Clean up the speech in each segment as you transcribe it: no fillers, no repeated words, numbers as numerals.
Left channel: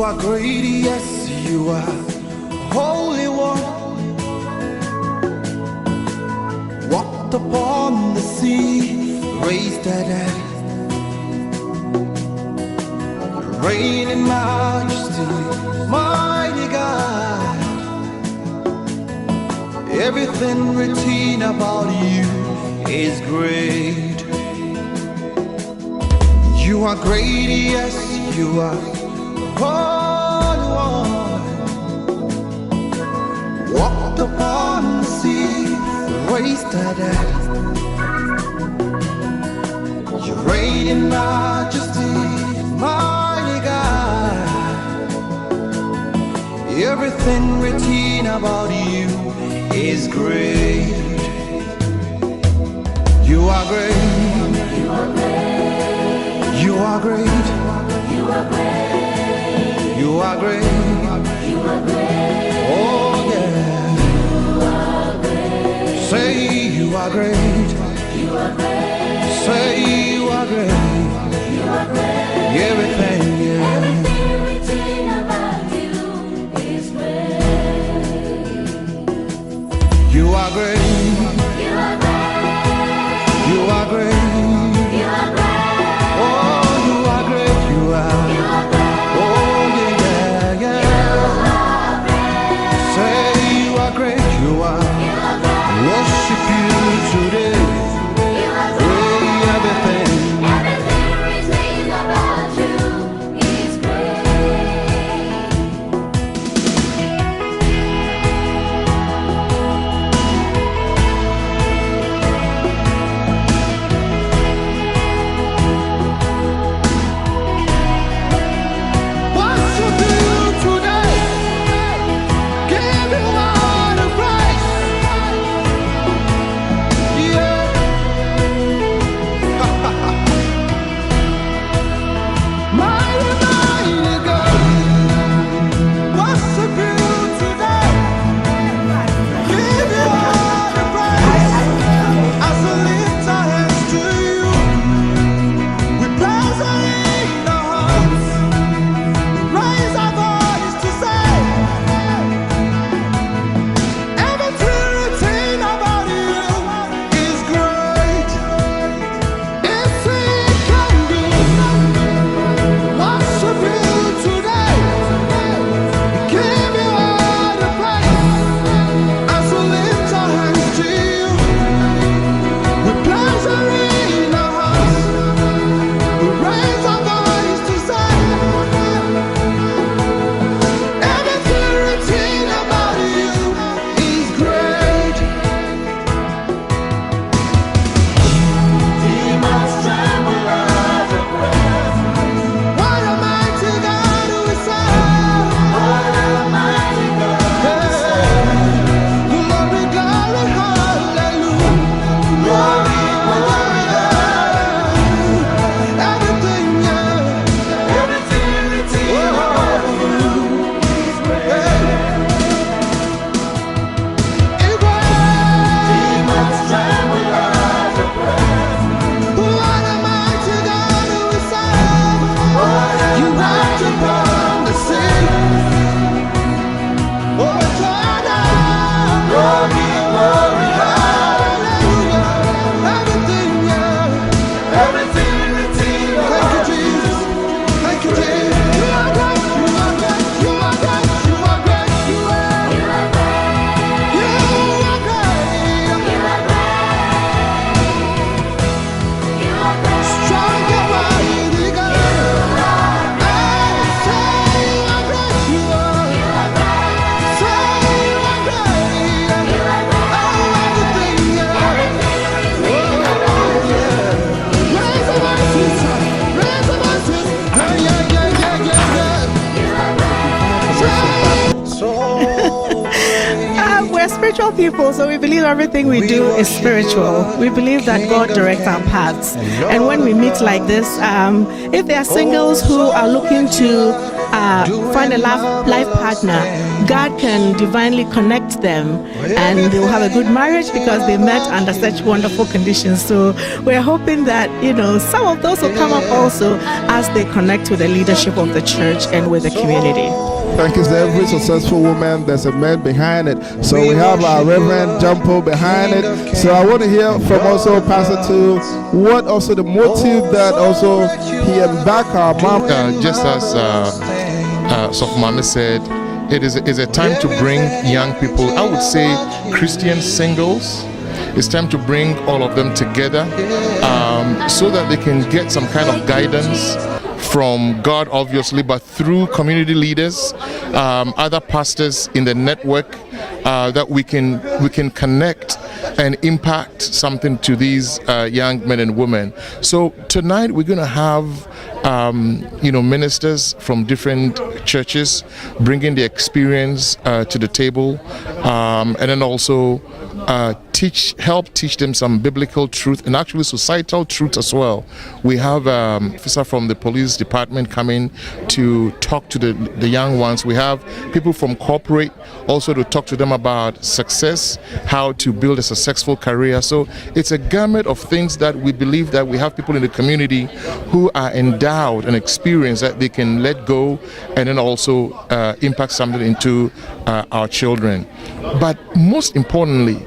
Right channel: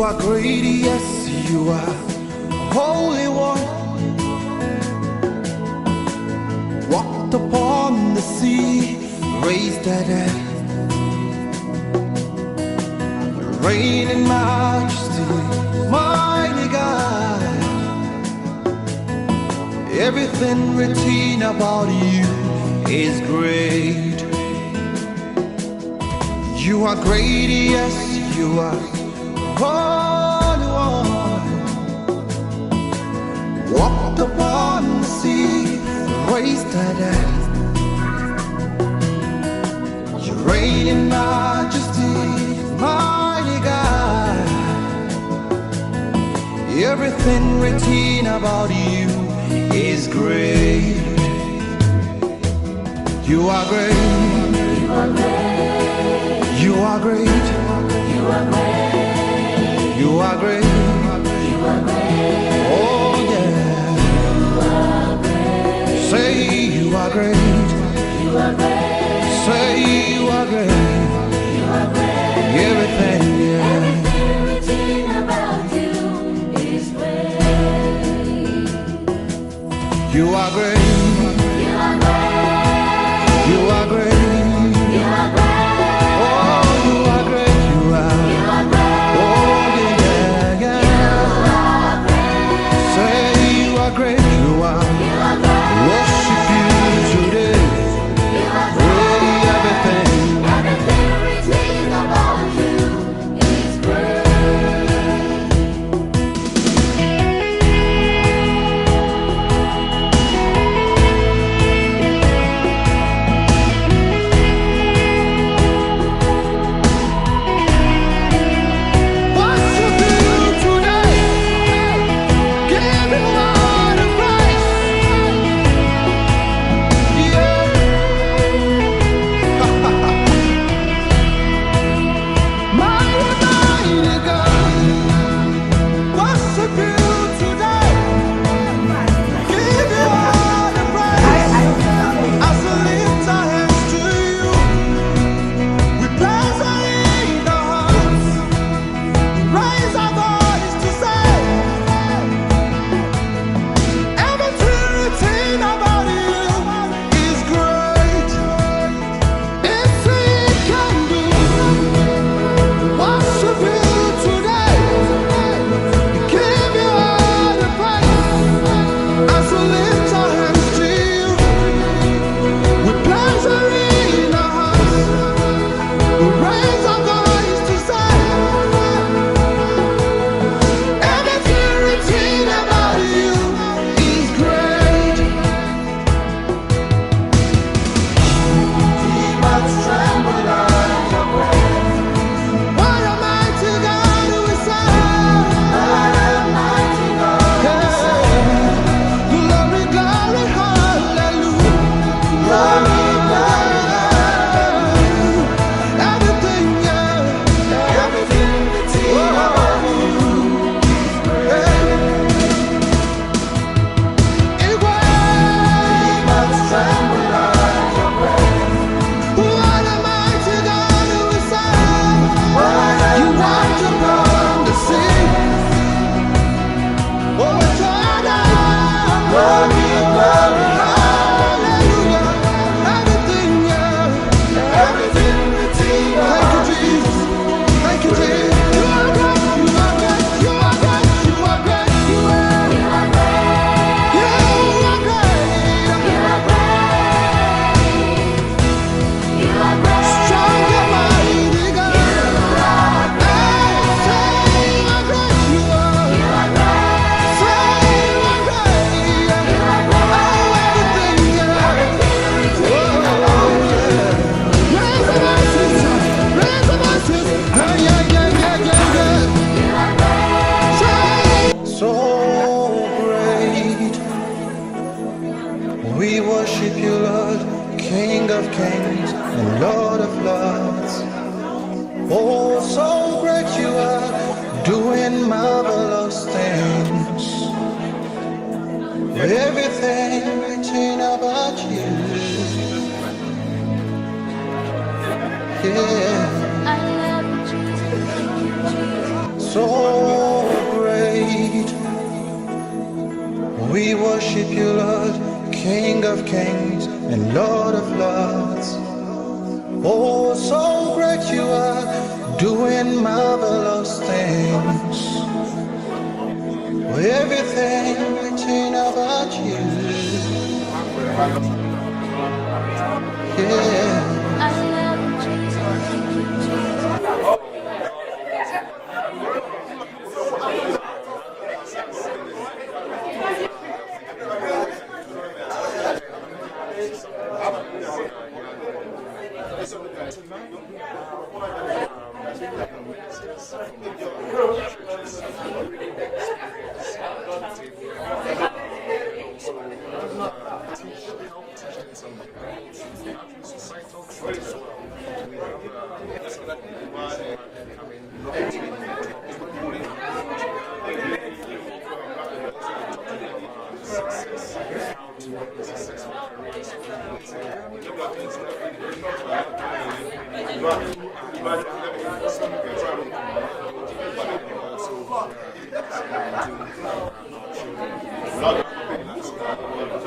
You are great, yes, you are Holy One. Walked upon the sea, raised the dead. You reign in majesty, mighty God. Everything written about you is great. You are great, yes, you are Holy One. Walked upon the sea, raised the dead. You reign in majesty, mighty God. Everything written about you is great. You are great. You are great. You are great. You are great. You are great. Oh yeah. You are great. Say you are great. You are great. Say you are great. You are great. Everything, yeah. Everything written about you is great. You are great. You are great. You are great. You are great. Great you are, worship you today. Everything written about you is worship you today. Give you all the praise. Mighty, mighty God, worship you today. Give you all the praise. As we lift our hands to you, we place our in our hearts. Raise our voice to say, everything written about you is great. It's it can do. Worship you today. Give you all the praise. As we lift our hands to you, we place our in our hearts. We raise our voice to say, everything written about you is great. Demons tremble at your praise. What a mighty God we serve. What a mighty God we serve. Glory, glory, hallelujah. Glory, everything, yeah. Everything written about you is great. Demons tremble at your praise. What a mighty God we serve. You walked upon the sea. Oh, Jordan. Glory, glory, hallelujah. Everything, yeah. Everything written. Thank you, Jesus. Thank you, Jesus. You are great. You are great. You are great. You are great. You are. You are great. You are great. You are great. You are great. Strong and mighty God. Hey, say you are great. You are. You are great. Say you are great. You are great. Oh, everything, yeah. Oh, yeah. Raise the voices. Raise the voices. Yeah, yeah, yeah, yeah, yeah. So great. We're spiritual people, so we believe everything we We do is worship you, spiritual. Lord, We believe that King God of directs our kings paths. and And Lord when we of meet like lords. this, if there are singles who so are looking great you to are, doing find a life marvelous partner, things. God can divinely connect them, and they will have a good marriage because they met under such wonderful conditions. So we're hoping that, some of those will come up also as they connect with the leadership of the church and with the community. Thank you. Every successful woman, there's a man behind it. So we have our Reverend Jumpo behind it. So I want to hear from also Pastor to what also the motive that also he embarked our mom. Just as Soph said, it is a time to bring young people, I would say Christian singles. It's time to bring all of them together so that they can get some kind of guidance from God, obviously, but through community leaders, other pastors in the network, that we can connect and impact something to these young men and women. So tonight we're going to have ministers from different churches bringing the experience to the table, and then also help teach them some biblical truth and actually societal truth as well. We have an officer from the police department coming to talk to the young ones. We have people from corporate also to talk to them about success, how to build a successful career. So it's a gamut of things that we believe that we have people in the community who are endowed and experienced that they can let go and then also impact something into our children. But most importantly,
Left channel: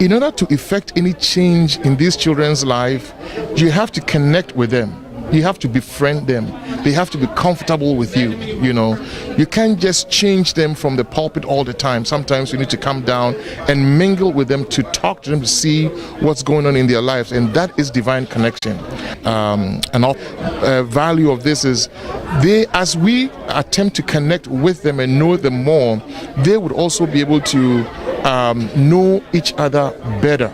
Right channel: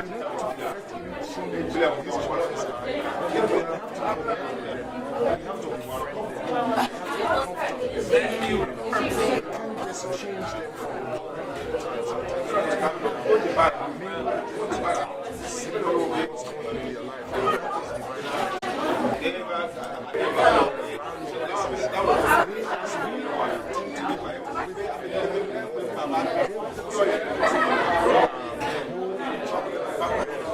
in order to effect any change in these children's life, you have to connect with them. You have to befriend them. They have to be comfortable with you, You can't just change them from the pulpit all the time. Sometimes you need to come down and mingle with them, to talk to them, to see what's going on in their lives. And that is divine connection. Value of this is as we attempt to connect with them and know them more, they would also be able to know each other better,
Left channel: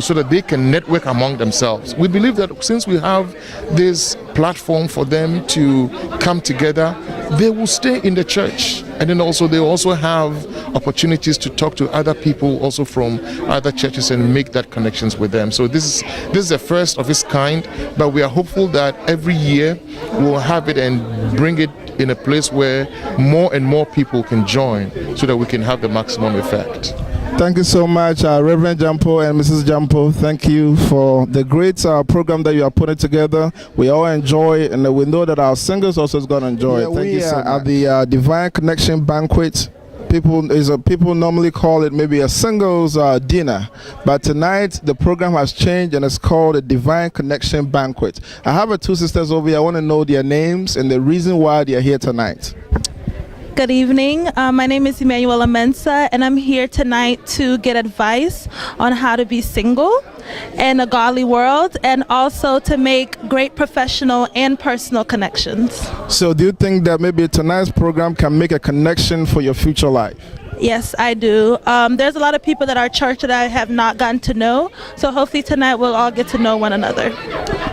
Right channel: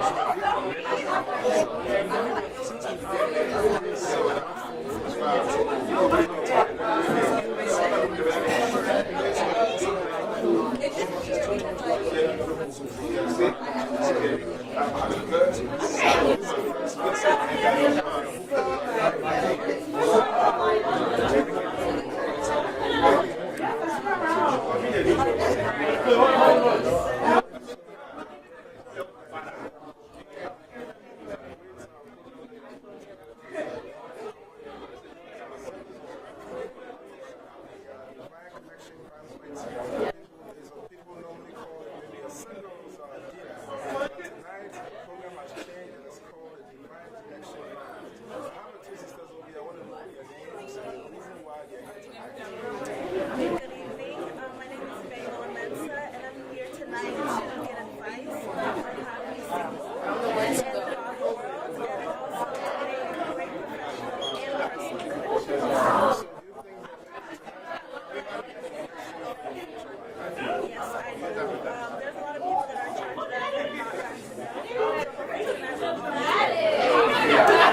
so that they can network among themselves. We believe that since we have this platform for them to come together, they will stay in the church, and then also they will also have opportunities to talk to other people also from other churches and make that connections with them. So this is the first of its kind, but we are hopeful that every year we'll have it and bring it in a place where more and more people can join so that we can have the maximum effect. Thank you so much, Reverend Jumpo and Mrs. Jumpo. Thank you for the great program that you are putting together. We all enjoy, and we know that our singers also is going to enjoy it. Thank you so much. At the Divine Connection Banquet, people normally call it maybe a singles dinner, but tonight the program has changed and it's called a Divine Connection Banquet. I have two sisters over here. I want to know their names and the reason why they are here tonight. Good evening. My name is Emmanuela Mensah, and I'm here tonight to get advice on how to be single in a godly world, and also to make great professional and personal connections. So do you think that maybe tonight's program can make a connection for your future life? Yes, I do. There's a lot of people at our church that I have not gotten to know, so hopefully tonight we'll all get to know one another.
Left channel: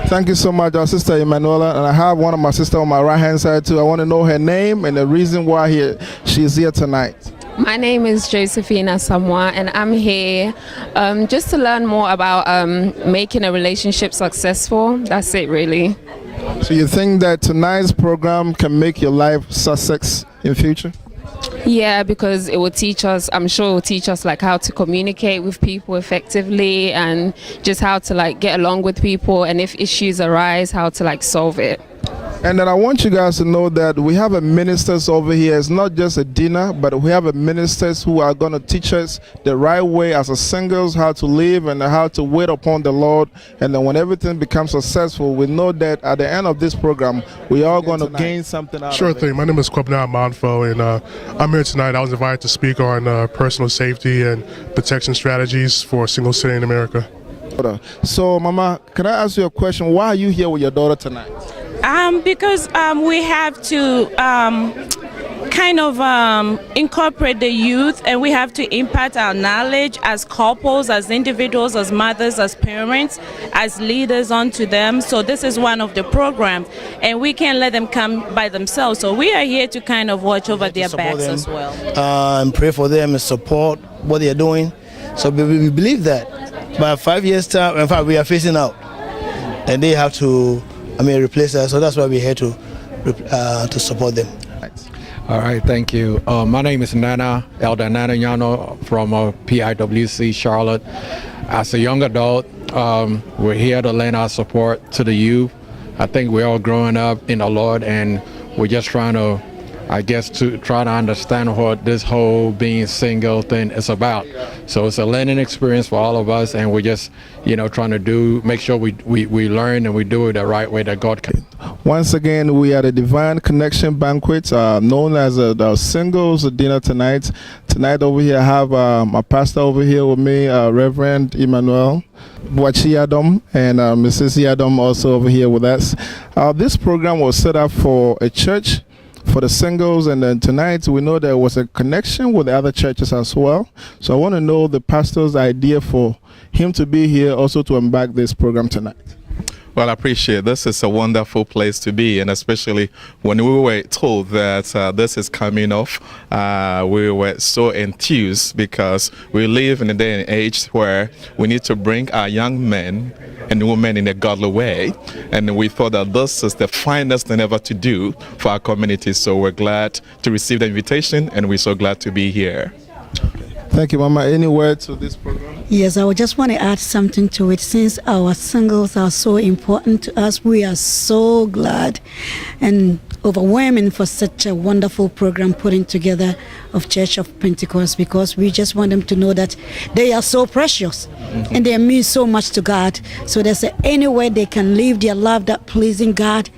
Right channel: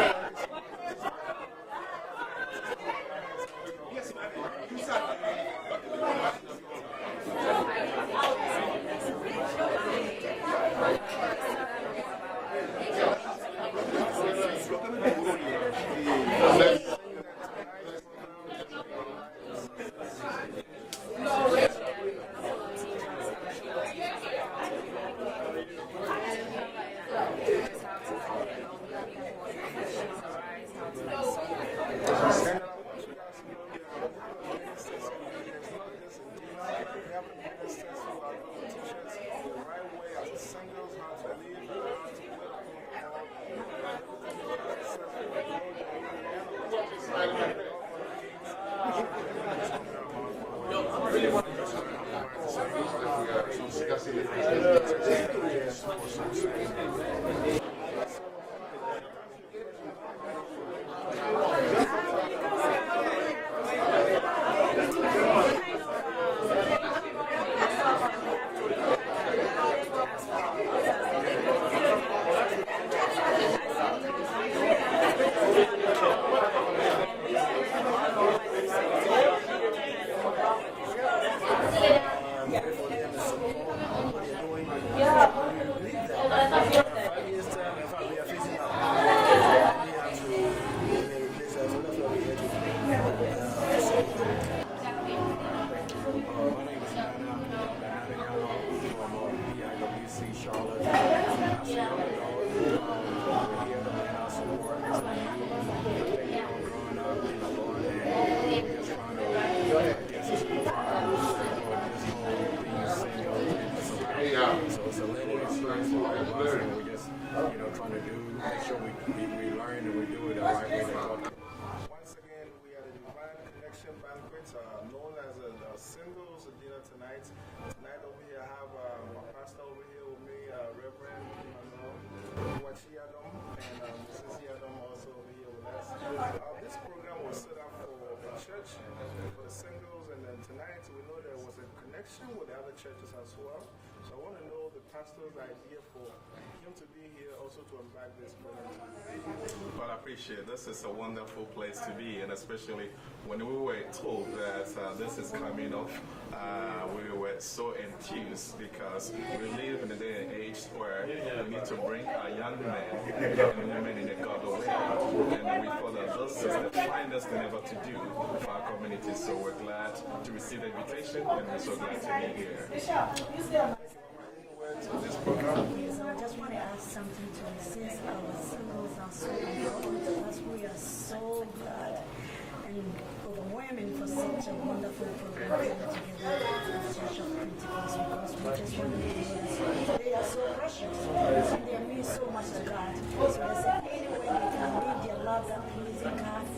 Thank you so much, our sister Emanuela, and I have one of my sisters on my right-hand side too. I want to know her name and the reason why she's here tonight. My name is Josephina Samoa, and I'm here just to learn more about making a relationship successful. That's it, really. So you think that tonight's program can make your life success in future? Yeah, because it will teach us, I'm sure it will teach us like how to communicate with people effectively, and just how to get along with people, and if issues arise, how to solve it. And then I want you guys to know that we have a ministers over here. It's not just a dinner, but we have a ministers who are going to teach us the right way as a singles, how to live and how to wait upon the Lord. And then when everything becomes successful, we know that at the end of this program, we are going to gain something out Sure of it. thing. My name is Kwabna Monfo, and I'm here tonight. I was invited to speak on personal safety and protection strategies for single city in America. So, Mama, can I ask you a question? Why are you here with your daughter tonight? Because we have to incorporate the youth, and we have to impart our knowledge as couples, as individuals, as mothers, as parents, as leaders onto them. So this is one of the programs, and we can't let them come by themselves. So we are here to watch over their backs as well. And pray for them and support what they are doing. So we believe that by 5 years' time, in fact, we are facing out, and they have to replace us. So that's why we're here to support them. All right, thank you. My name is Elder Nana Yano from PIWC Charlotte. As a young adult, we're here to lend our support to the youth. I think we're all growing up in the Lord, and we're just trying to, try to understand what this whole being single thing is about. So it's a learning experience for all of us, and we're just, trying to make sure we learn and we do it the right way that God can. Once again, we are the Divine Connection Banquet, known as the Singles Dinner tonight. Tonight over here, I have my pastor over here with me, Reverend Emmanuel Boachi Yadom, and Mrs. Yadom also over here with us. This program was set up for a church for the singles, and then tonight we know there was a connection with the other churches as well. So I want to know the pastor's idea for him to be here also to embark this program tonight. Well, I appreciate this. Is a wonderful place to be, and especially when we were told that this is coming off, we were so enthused because we live in a day and age where we need to bring our young men and women in a godly way, and we thought that this is the finest thing ever to do for our community. So we're glad to receive the invitation, and we're so glad to be here. Thank you, Mama. Any words to this program? Yes, I would just want to add something to it. Since our singles are so important to us, we are so glad and overwhelming for such a wonderful program putting together of Church of Pentecost, because we just want them to know that they are so precious and they mean so much to God. So there's any way they can live their life that pleasing God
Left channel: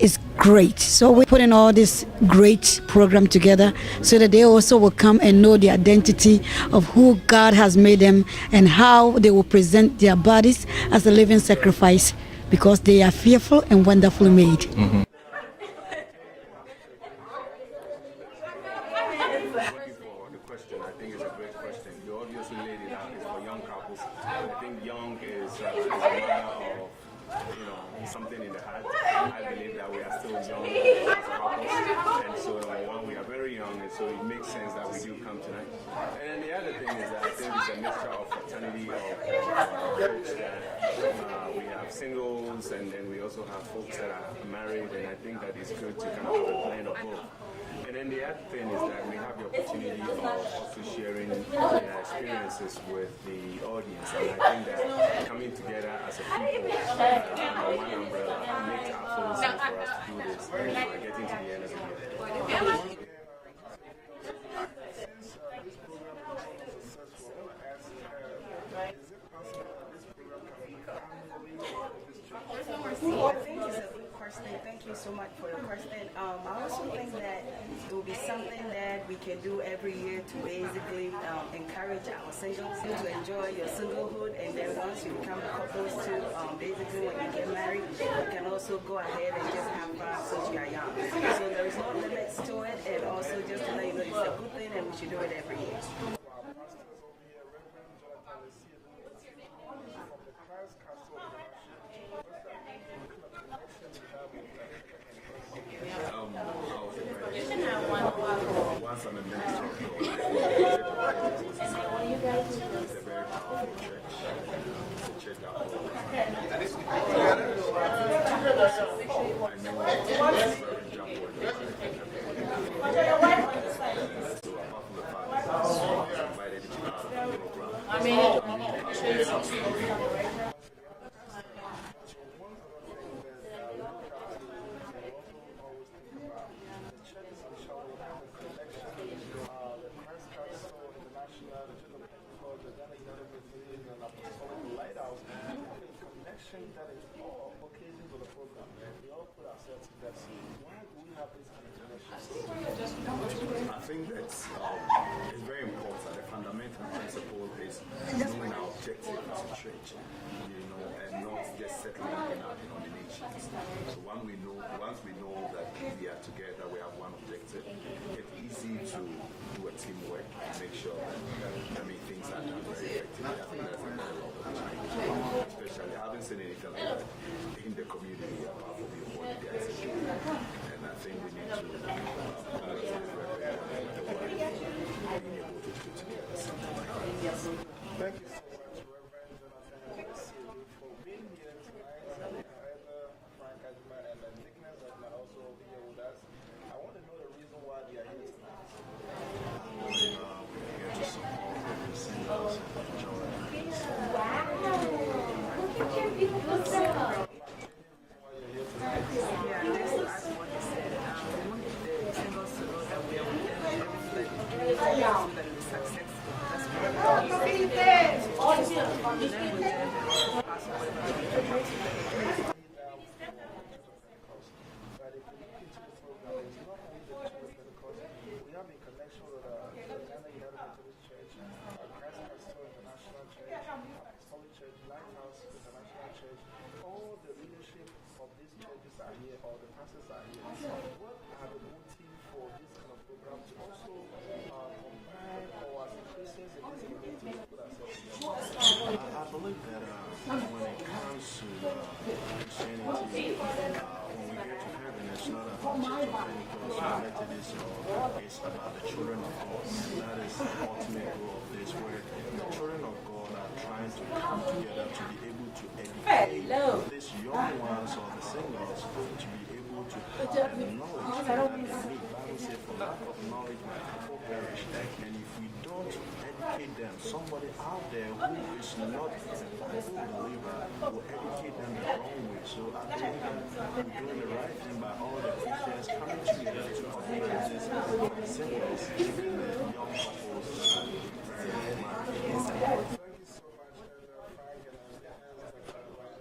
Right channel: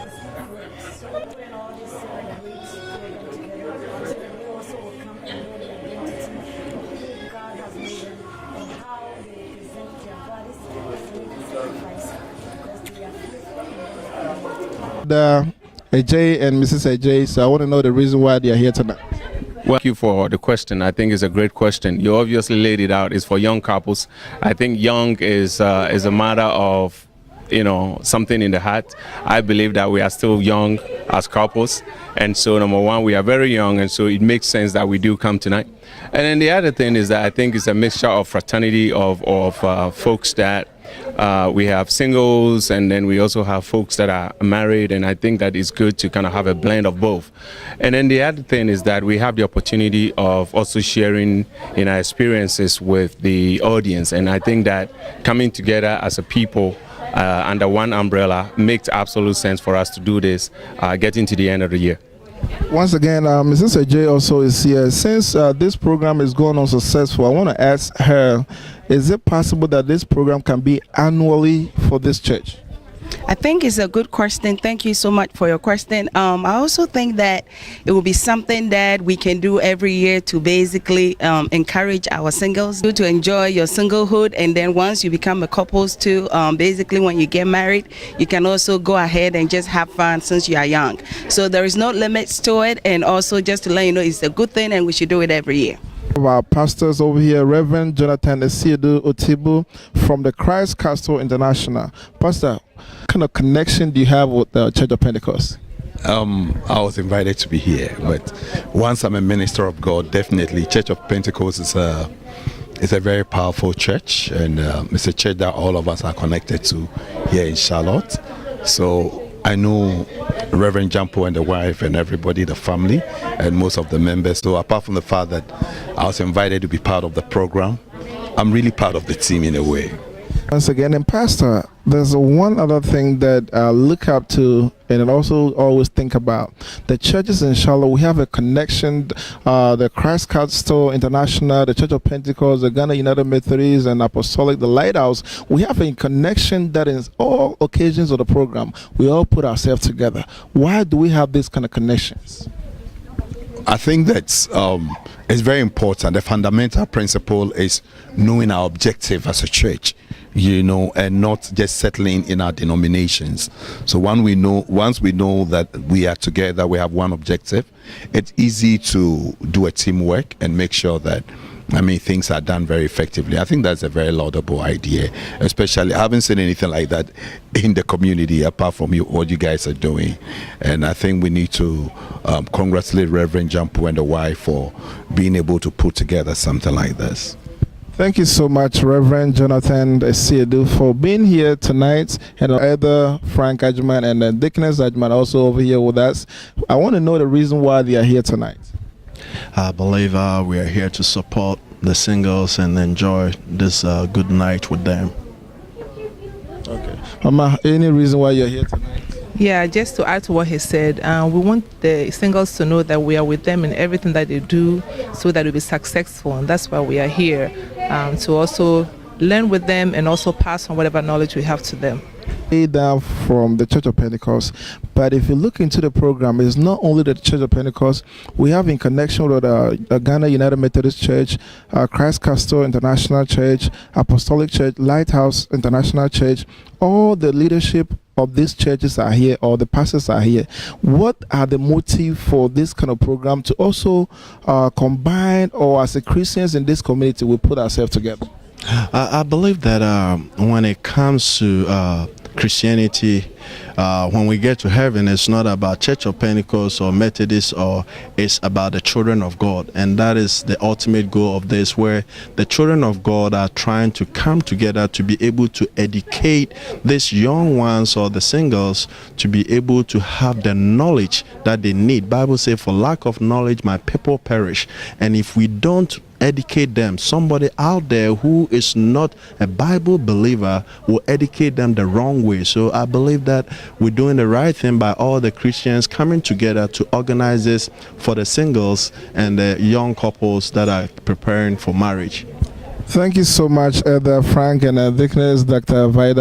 is great. So we're putting all this great program together so that they also will come and know the identity of who God has made them and how they will present their bodies as a living sacrifice, because they are fearful and wonderfully made. AJ and Mrs. AJ, so I want to know the reason why they are here tonight. Well, thank you for the question. I think it's a great question. You obviously laid it out. It's for young couples. I think young is a matter of something in the heart. I believe that we are still young as couples, and so number one, we are very young, and so it makes sense that we do come tonight. And then the other thing is that I think it's a mixture of fraternity of folks that we have singles, and then we also have folks that are married, and I think that it's good to kind of have a blend of both. And then the other thing is that we have the opportunity of also sharing in our experiences with the audience, and I think that coming together as a people under one umbrella makes absolute sense for us to do this getting to the end of the year. Once again, Mrs. Ajay also is here. Since this program is going on successful, I want to ask her, is it possible that this program can be annually for this church? I think it's a good question. Thank you so much for your question. I also think that it will be something that we can do every year to basically encourage our singles to enjoy your singlehood, and then once you become a couples too, basically when you get married, you can also go ahead and just have fun since you are young. So there is no limits to it, and also just to let you know it's a good thing and we should do it every year. Our pastors over here, Reverend Jonathan Esiedu Otibu from the Christ Castle International. Pastor, what kind of connection do you have with the Church of Pentecost? I was invited to be here, but once I'm a minister of God, definitely Church of Pentecost is a very powerful church, and it's a church that all of us are connected to here in Charlotte. So I know Reverend Jampo and the wife and everybody, the family, and most of the members. So apart from the fact that I was invited to be part of the program, I'm really part of the team in a way. Once again, and Pastor, there's one other thing that I look up to and also always think about. The churches in Charlotte, we have a connection, the Christ Castle International, the Church of Pentecost, the Ghana United Methodist and Apostolic, the Lighthouse. We have a connection that in all occasions of the program, we all put ourselves together. Why do we have these kind of connections? I think that's it's very important. The fundamental principle is knowing our objective as a church, and not just settling in our denominations. So once we know that we are together, we have one objective, it's easy to do a teamwork and make sure that things are done very effectively. I think that's a very laudable idea, especially I haven't seen anything like that in the community apart from what you guys are doing. And I think we need to congratulate Reverend Jampo and the wife for being able to put together something like this. Thank you so much, Reverend Jonathan Esiedu, for being here tonight, and Elder Frank Ajman and Deaconess Ajman also over here with us. I want to know the reason why they are here tonight. I believe we are here to support the singles and enjoy this good night with them. Mama, any reason why you're here tonight? Yeah, just to add to what he said, we want the singles to know that we are with them in everything that they do so that they'll be successful. And that's why we are here, to also learn with them and also pass on whatever knowledge we have to them. Down from the Church of Pentecost, but if you look into the program, it's not only the Church of Pentecost. We have in connection with Ghana United Methodist Church, Christ Castle International Church, Apostolic Church, Lighthouse International Church. All the leadership of these churches are here, or the pastors are here. What are the motive for this kind of program to also combine, or as a Christians in this community, we put ourselves together? I believe that when it comes to Christianity, when we get to heaven, it's not about Church of Pentecost or Methodist, or it's about the children of God. And that is the ultimate goal of this, where the children of God are trying to come together to be able to educate these young ones or the singles to be able to have the knowledge that they need. Bible says, for lack of knowledge, my people perish. And if we don't educate them, somebody out there who is not a Bible believer will educate them the wrong way. So I believe that we're doing the right thing by all the Christians coming together to organize this for the singles and the young couples that are preparing for marriage. Thank you so much, Elder Frank and Deaconess Dr. Vida.